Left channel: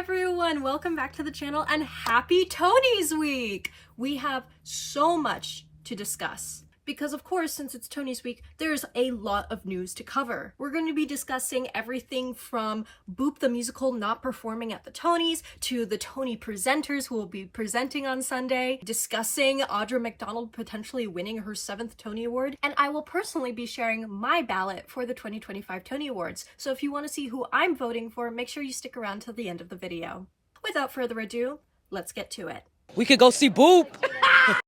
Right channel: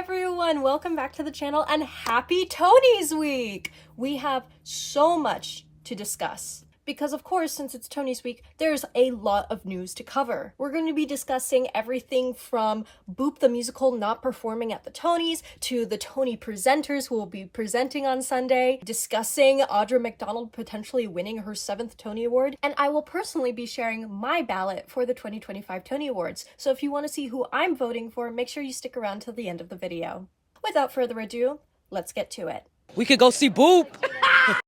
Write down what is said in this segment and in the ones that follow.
everyone, welcome back to the channel and happy Tony's week! We have so much to discuss because of course, since it's Tony's week, there's a lot of news to cover. We're going to be discussing everything from Boop the musical not performing at the Tonys to the Tony presenters who will be presenting on Sunday, discussing Audra McDonald potentially winning her 7th Tony Award, and I will personally be sharing my ballot for the 2025 Tony Awards. So if you want to see who I'm voting for, make sure you stick around till the end of the video. Without further ado, let's get to it. We could go see Boop!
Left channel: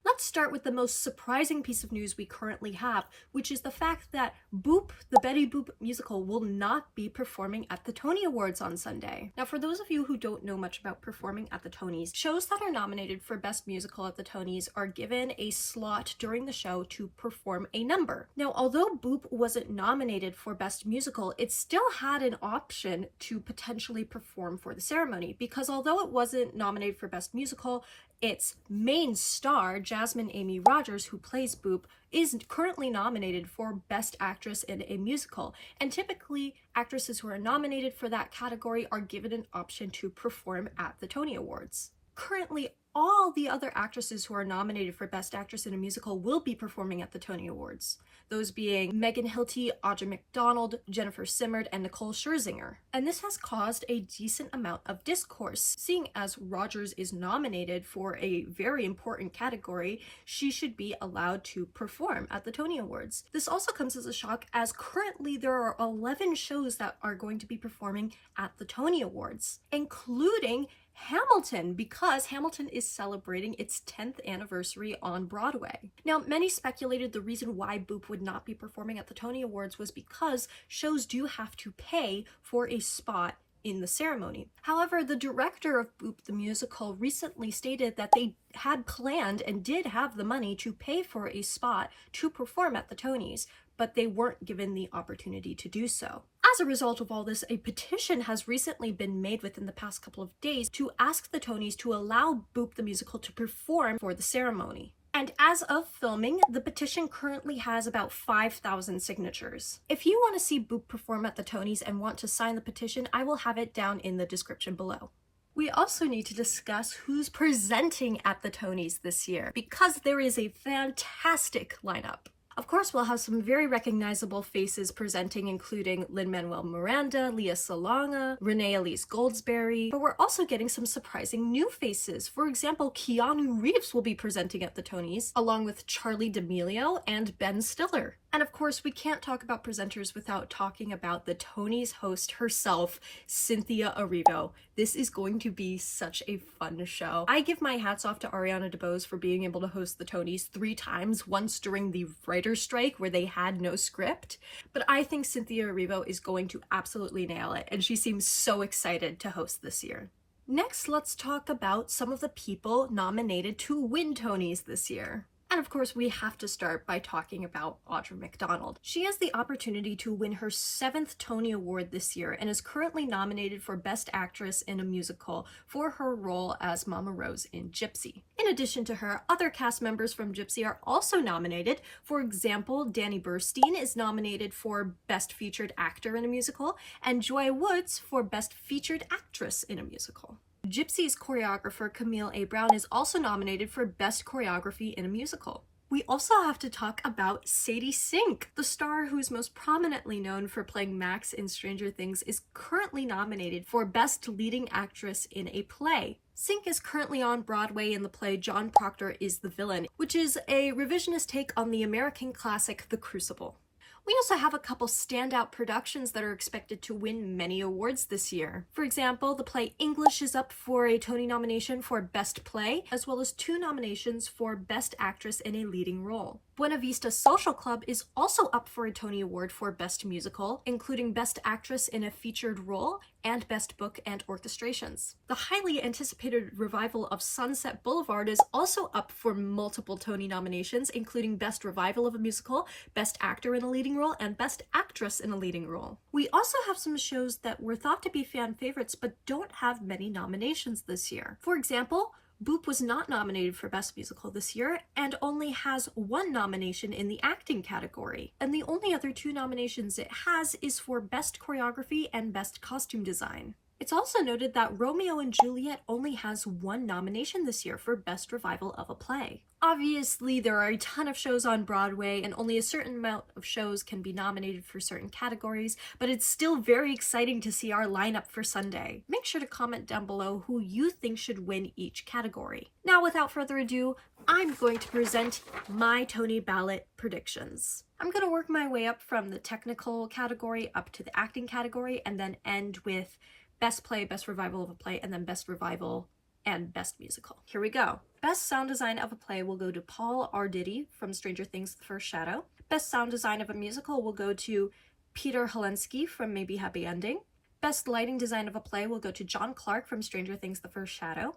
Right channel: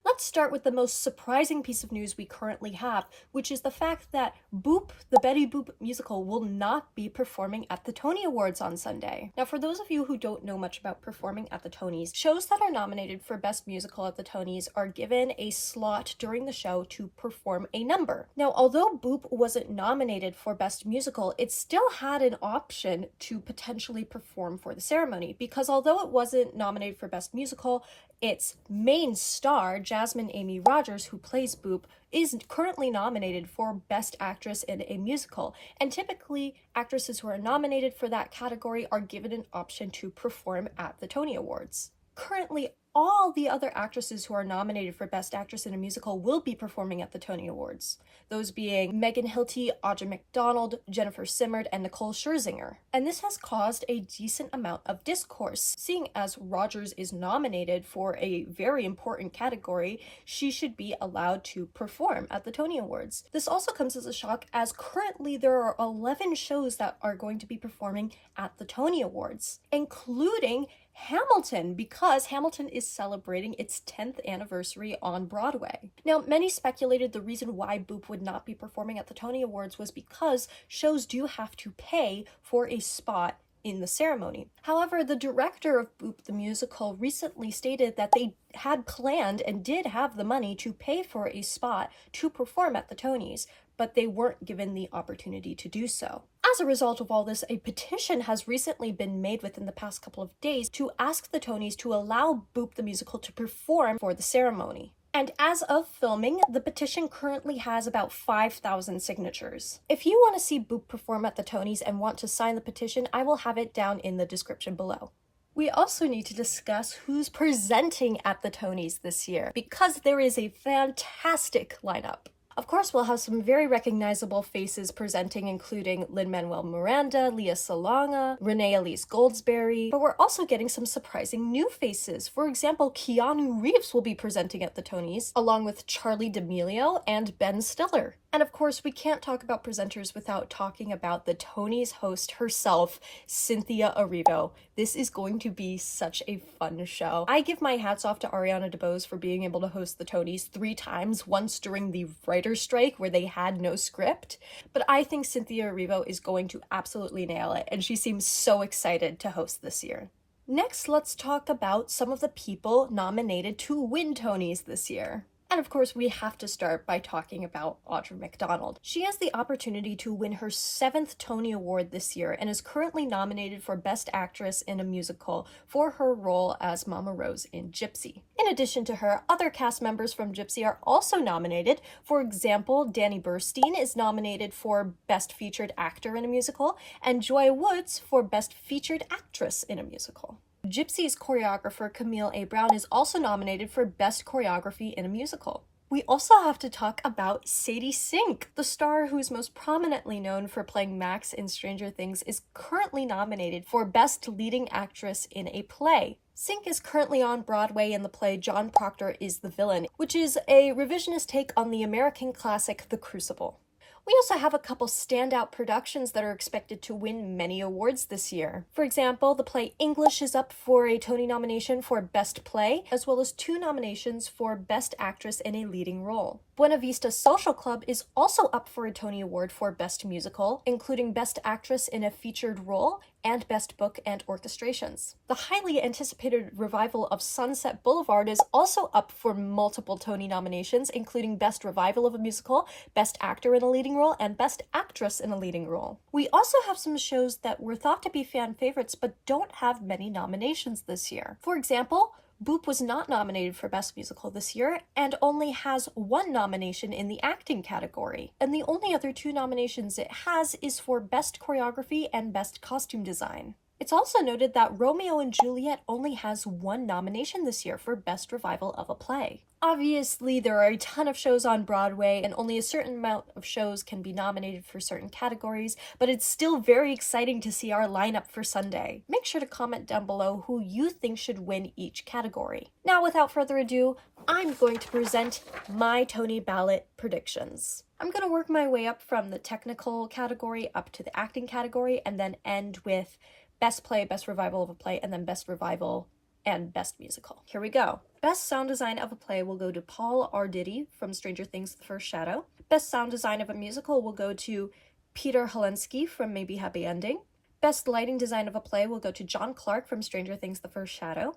Let's start with the most surprising piece of news we currently have, which is the fact that Boop, the Betty Boop musical, will not be performing at the Tony Awards on Sunday. Now, for those of you who don't know much about performing at the Tonys, shows that are nominated for Best Musical at the Tonys are given a slot during the show to perform a number. Now, although Boop wasn't nominated for Best Musical, it still had an option to potentially perform for the ceremony, because although it wasn't nominated for Best Musical, its main star, Jasmine Amy Rogers, who plays Boop, is currently nominated for Best Actress in a Musical, and typically actresses who are nominated for that category are given an option to perform at the Tony Awards. Currently, all the other actresses who are nominated for Best Actress in a Musical will be performing at the Tony Awards, those being Megan Hilty, Audra McDonald, Jennifer Simmerd, and Nicole Scherzinger. And this has caused a decent amount of discourse. Seeing as Rogers is nominated for a very important category, she should be allowed to perform at the Tony Awards. This also comes as a shock, as currently there are 11 shows that are going to be performing at the Tony Awards, including Hamilton, because Hamilton is celebrating its 10th anniversary on Broadway. Now, many speculated the reason why Boop would not be performing at the Tony Awards was because shows do have to pay for a spot in the ceremony. However, the director of Boop the musical recently stated that they had planned and did have the money to pay for a spot to perform at the Tonys, but they weren't given the opportunity to do so. As a result of all this, a petition has recently been made within the past couple of days to ask the Tonys to allow Boop the musical to perform for the ceremony. And as of filming, the petition currently has about 5,000 signatures. If you want to see Boop perform at the Tonys and want to sign the petition, I will have it down in the description below. We also need to discuss who's presenting at the Tonys this year, because there is a fantastic lineup. Of course, we'll have some very recognizable faces presenting, including Lin-Manuel Miranda, Lea Salonga, Renee Elise Goldsberry, but we're also getting some surprising new faces. For example, Keanu Reeves will be presenting at the Tonys, along with Charlie D'Amelio and Ben Stiller. And of course, we can't talk about presenters without talking about the Tonys host herself, Cynthia Erivo. This is going to be such a fun show. I give my hats off to Ariana DeBose for being able to host the Tonys 3 times, once during the writer's strike where they had no script. But I think Cynthia Erivo is going to absolutely nail it, and she seems so excited to host this year. Next, let's talk about some of the people nominated to win Tonys this year. And of course, we have to start by talking about Audra McDonald. She has the opportunity to win her 7th Tony Award this year and is currently nominated for Best Actress in a Musical for her role as Mama Rose in Gypsy. In addition to her, other cast members from Gypsy are also nominated. For example, Danny Burstein is nominated for Best Featured Actor in a Musical, and Joy Woods for Best Featured Actress in a Musical. Gypsy's choreographer Camille A. Brown is also nominated for Best Choreography in a Musical. We also have to talk about Sadie Sink. The star who is most prominently known for playing Max in Stranger Things is currently nominated for Best Leading Actress in a Play. Sink is currently on Broadway in the play John Proctor is the Villain, which is a revisionist take on the American classic The Crucible. We also have a couple standout productions that are expected to win many awards this year. For example, the play English is up for a Tony nomination for Best Play, as well as 2 nominations for Best Actress in a Leading Role. Buena Vista Social Club is also up for a Tony Award for Best Musical, including Best Actress in a Featured Role and Best Book and Orchestrations. The highly anticipated revival of Sunset Boulevard is also up for multiple Tony nominations, including Best Revival of a Musical, Best Actor in a Leading Role, and Best Actress in a Leading Role. We also have some shows that were thought to be fan favorites but don't have many nominations this year. For example, Boop was not nominated for Best Musical this year and only has 1 nomination in the acting category. And the only other 2 nominations it has is for Best Choreography and Best Costume Design. It's also noted that Romeo and Juliet only has one nomination this year for Best Revival of a Play. Obviously, there are a ton of shows on Broadway, and only a certain amount of shows can be nominated for certain categories, but it's still very exciting to see our lineup for Sunday. Make sure to comment down below who you think should win each category. Now, without further ado, I'm going to present my Tony ballot predictions. I'm going to work my way up from the technical category up to the acting category, and then end with Best Play, Best Revival of a Play, and then Best Revival and Best Musical. Here we go. Best Sound Design of a Play will go to Paul Arditi from Stranger Things The First Shadow. Best Sound Design of a Musical will go to Peter Helensky from Maybe Happy Ending. Best Lighting Design of a Play will go to John Clark from Stranger Things The First Shadow.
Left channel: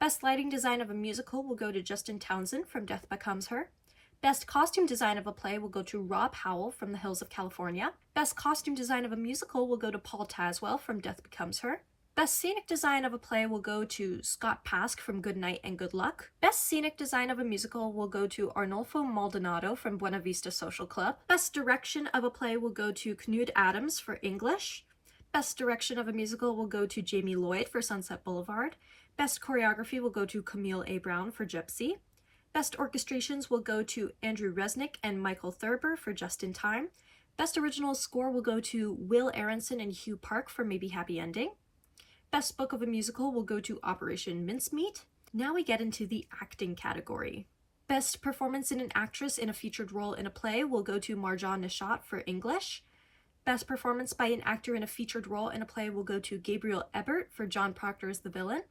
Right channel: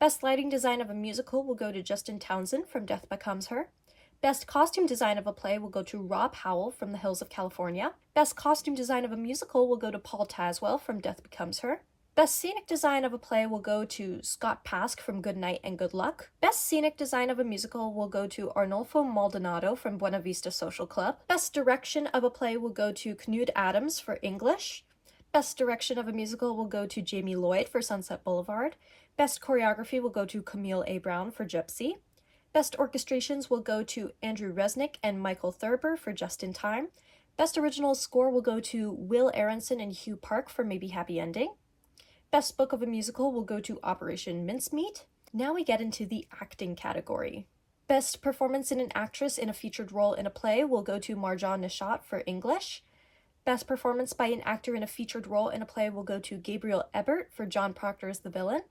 Best Lighting Design of a Musical will go to Justin Townsend from Death Becomes Her. Best Costume Design of a Play will go to Rob Howell from The Hills of California. Best Costume Design of a Musical will go to Paul Tazwell from Death Becomes Her. Best Scenic Design of a Play will go to Scott Pask from Good Night and Good Luck. Best Scenic Design of a Musical will go to Arnolfo Maldonado from Buena Vista Social Club. Best Direction of a Play will go to Knud Adams for English. Best Direction of a Musical will go to Jamie Lloyd for Sunset Boulevard. Best Choreography will go to Camille A. Brown for Gypsy. Best Orchestrations will go to Andrew Resnick and Michael Thurber for Just in Time. Best Original Score will go to Will Aronson and Hugh Park for Maybe Happy Ending. Best Book of a Musical will go to Operation Mincemeat. Now we get into the acting category. Best Performance in an Actress in a Featured Role in a Play will go to Marjan Nishat for English. Best Performance by an Actor in a Featured Role in a Play will go to Gabriel Ebert for John Proctor as the Villain.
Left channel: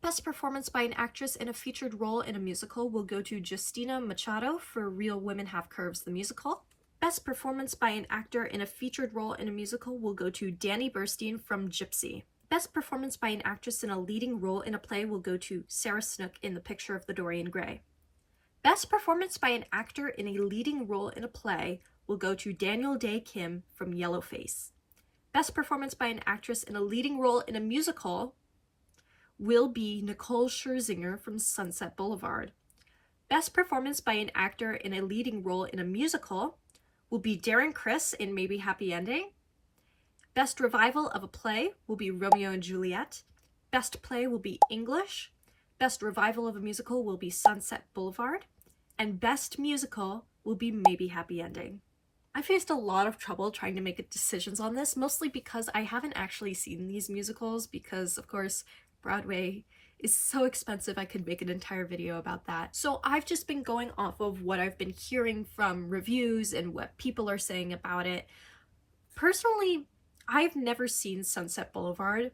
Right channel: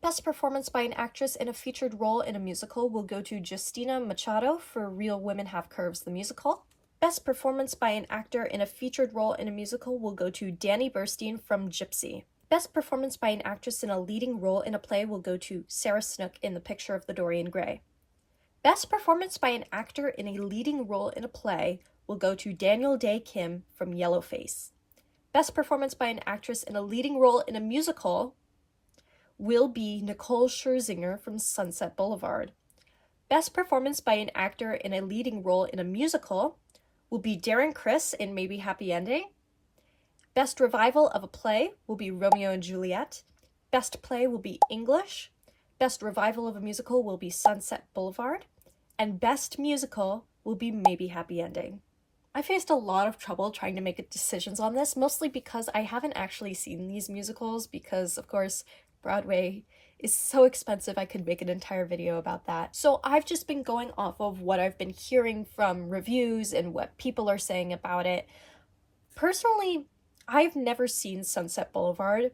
Best Performance by an Actress in a Featured Role in a Musical will go to Justina Machado for Real Women Have Curves the Musical. Best Performance by an Actor in a Featured Role in a Musical will go to Danny Burstein from Gypsy. Best Performance by an Actress in a Leading Role in a Play will go to Sarah Snook in The Picture of the Dorian Gray. Best Performance by an Actor in a Leading Role in a Play will go to Daniel Day Kim from Yellowface. Best Performance by an Actress in a Leading Role in a Musical will be Nicole Scherzinger from Sunset Boulevard. Best Performance by an Actor in a Leading Role in a Musical will be Darren Criss in Maybe Happy Ending. Best Revival of a Play will be Romeo and Juliet. Best Play will be English. Best Revival of a Musical will be Sunset Boulevard. And Best Musical will be Maybe Happy Ending. I faced a lot of trouble trying to make decisions on this, mostly because I haven't actually seen these musicals because, of course, Broadway is so expensive I could make an entire video about that. So I've just been going off of what I've been hearing from reviews and what people are saying about it. Personally, I've never seen Sunset Boulevard,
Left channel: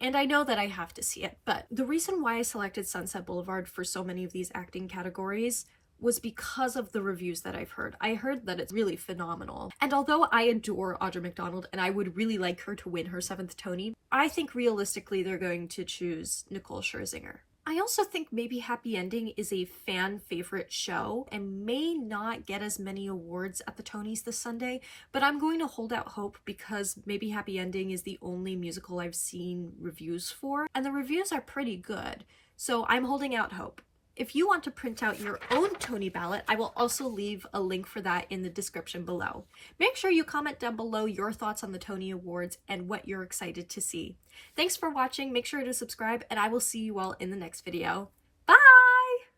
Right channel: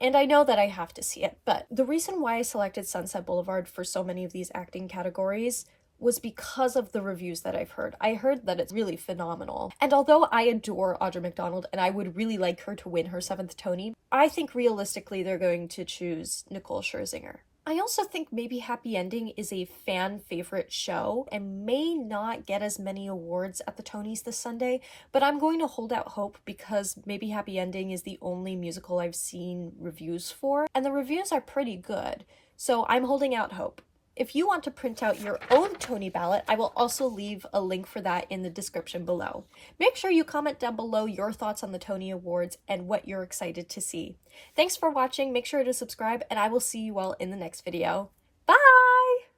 and I know that I have to see it, but the reason why I selected Sunset Boulevard for so many of these acting categories was because of the reviews that I've heard. I heard that it's really phenomenal. And although I adore Audra McDonald and I would really like her to win her 7th Tony, I think realistically they're going to choose Nicole Scherzinger. I also think Maybe Happy Ending is a fan favorite show and may not get as many awards at the Tonys this Sunday, but I'm going to hold out hope because Maybe Happy Ending is the only musical I've seen reviews for, and the reviews are pretty good, so I'm holding out hope. If you want to print out your own Tony ballot, I will also leave a link for that in the description below. Make sure you comment down below your thoughts on the Tony Awards and what you're excited to see. Thanks for watching, make sure to subscribe, and I will see you all in the next video. Bye!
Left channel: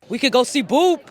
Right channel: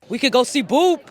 We could go see Boop!